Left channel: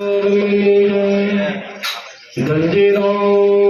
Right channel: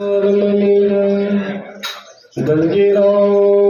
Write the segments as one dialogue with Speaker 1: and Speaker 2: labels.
Speaker 1: Dun dun dun.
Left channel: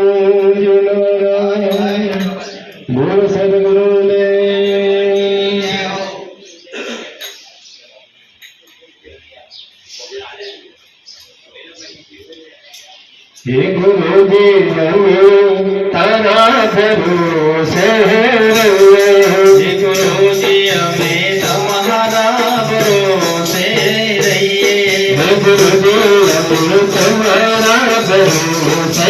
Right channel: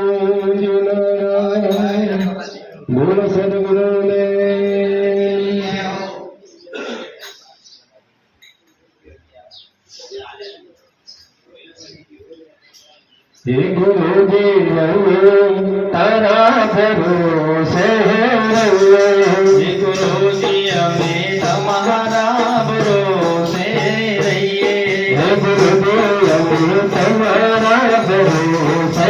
Speaker 1: Guruji గురు తనా భరోసే
Speaker 2: గురుజీ అమే తమహారా భరోసే
Speaker 1: గురుజీ అమే తమహారా భరోసే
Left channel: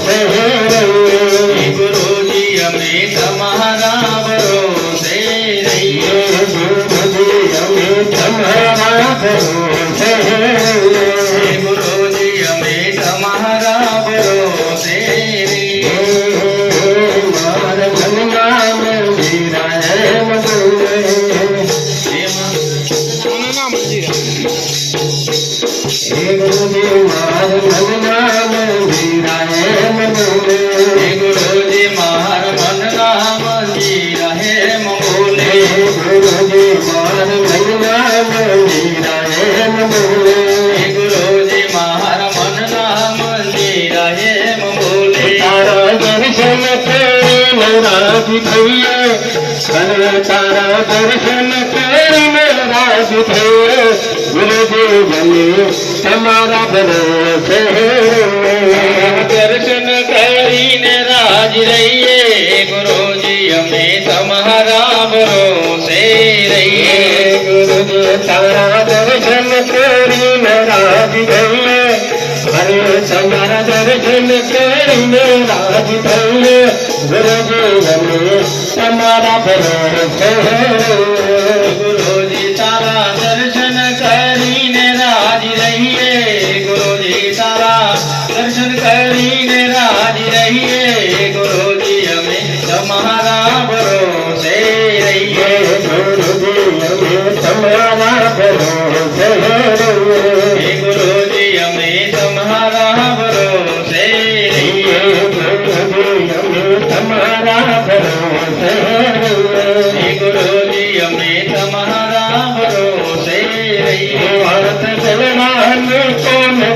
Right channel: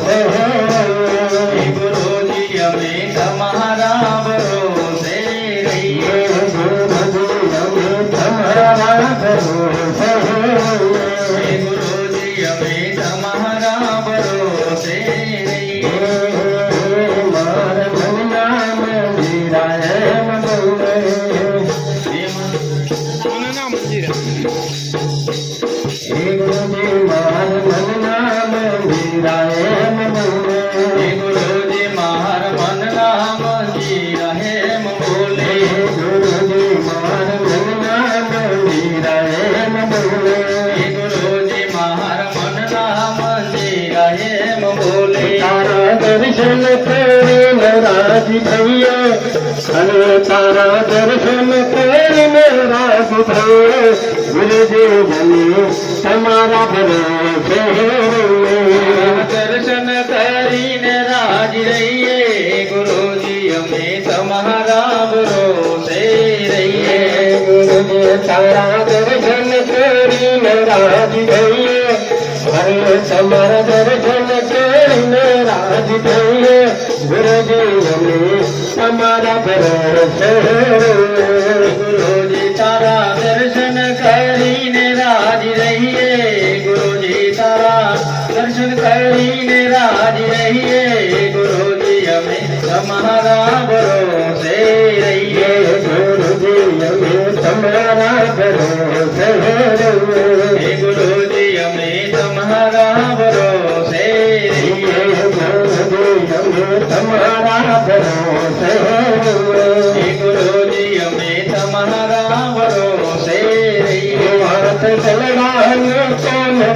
Speaker 1: प्रेम राज भैया हरे तारा दर्शन प्रेम राज भैया गुरुदेव ने हमारा भरोसे
Speaker 2: दर्शन करीन राज रहिए गुरु जी हमें तुम्हारा भरोसे रहिए
Speaker 1: गुरु। जी तारा दर्शन करीन राज रहिए हरे तुम्हारा दर्शन કહીને રાજ થઈને ગુરુદેવને તમારા બરાબર છે
Speaker 2: ગુરુજી તારા દર્શન કરીને રાજ રહીએ ગુરુજી તારા દર્શન કરીને રાજ રહીએ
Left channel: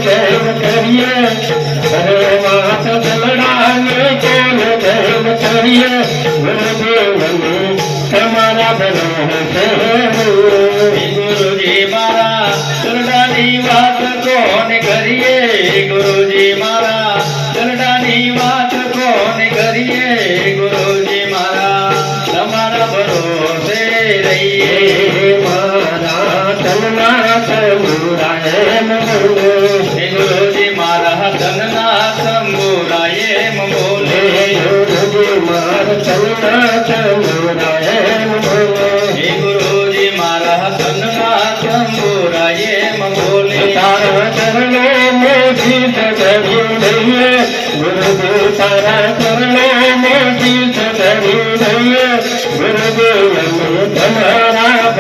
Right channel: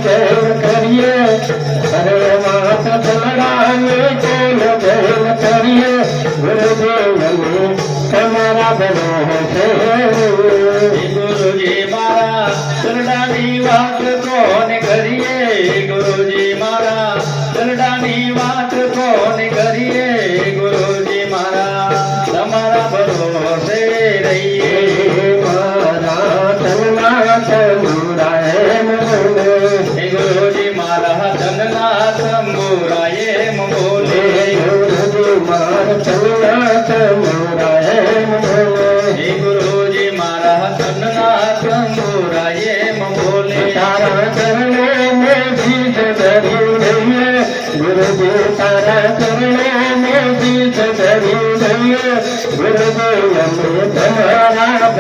Speaker 1: yeah. તારો ચરણે મેથી ચડી દઈએ ગુરુદેવ તારા ચરણે મેથી ચડી દઈએ ગુરુદેવ અમે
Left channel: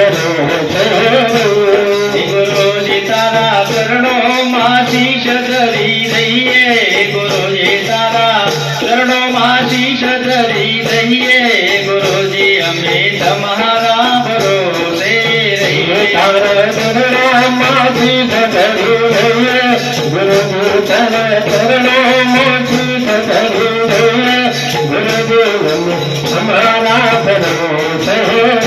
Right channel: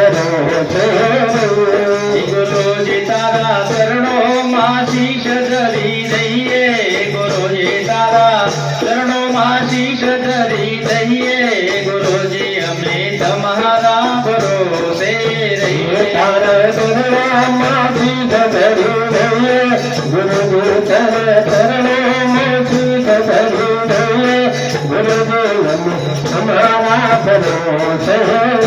Speaker 1: సహ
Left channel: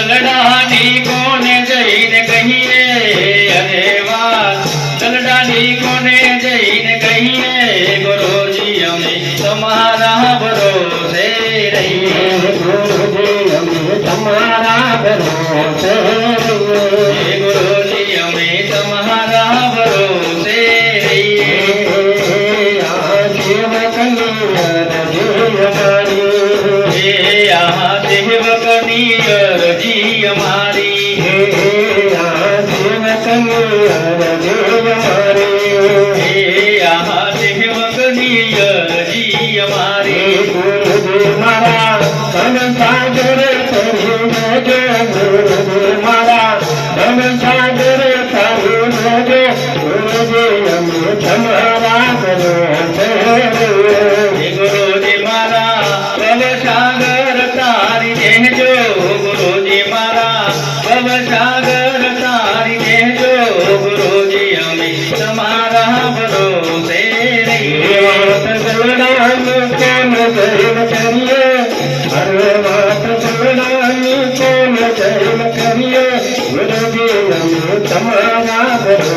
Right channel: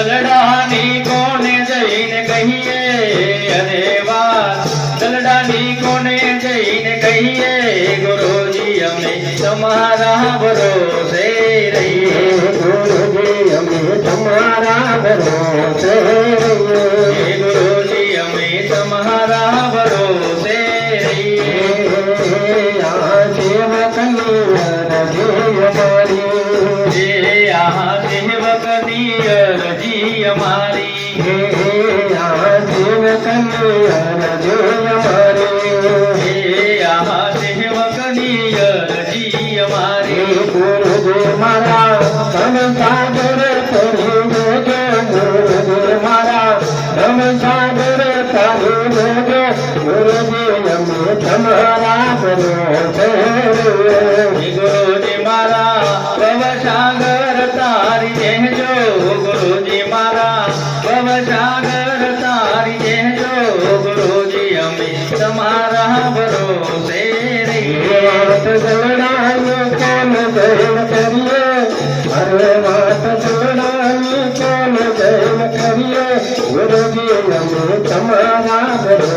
Speaker 2: વાત દલડાની કોને જઈને કહીએ? અરે વાત દલડાની કોને જઈને કહીએ? ગુરુજી, અમે તમારા ભરોસે રહીએ.
Speaker 1: ગુરુજી અમે તમારા ભરોસે
Speaker 2: ગુરુજી, અમે તમારા ભરોસે રહીએ. આ સેવકની
Speaker 1: గురుజీవము ప్రమాదరు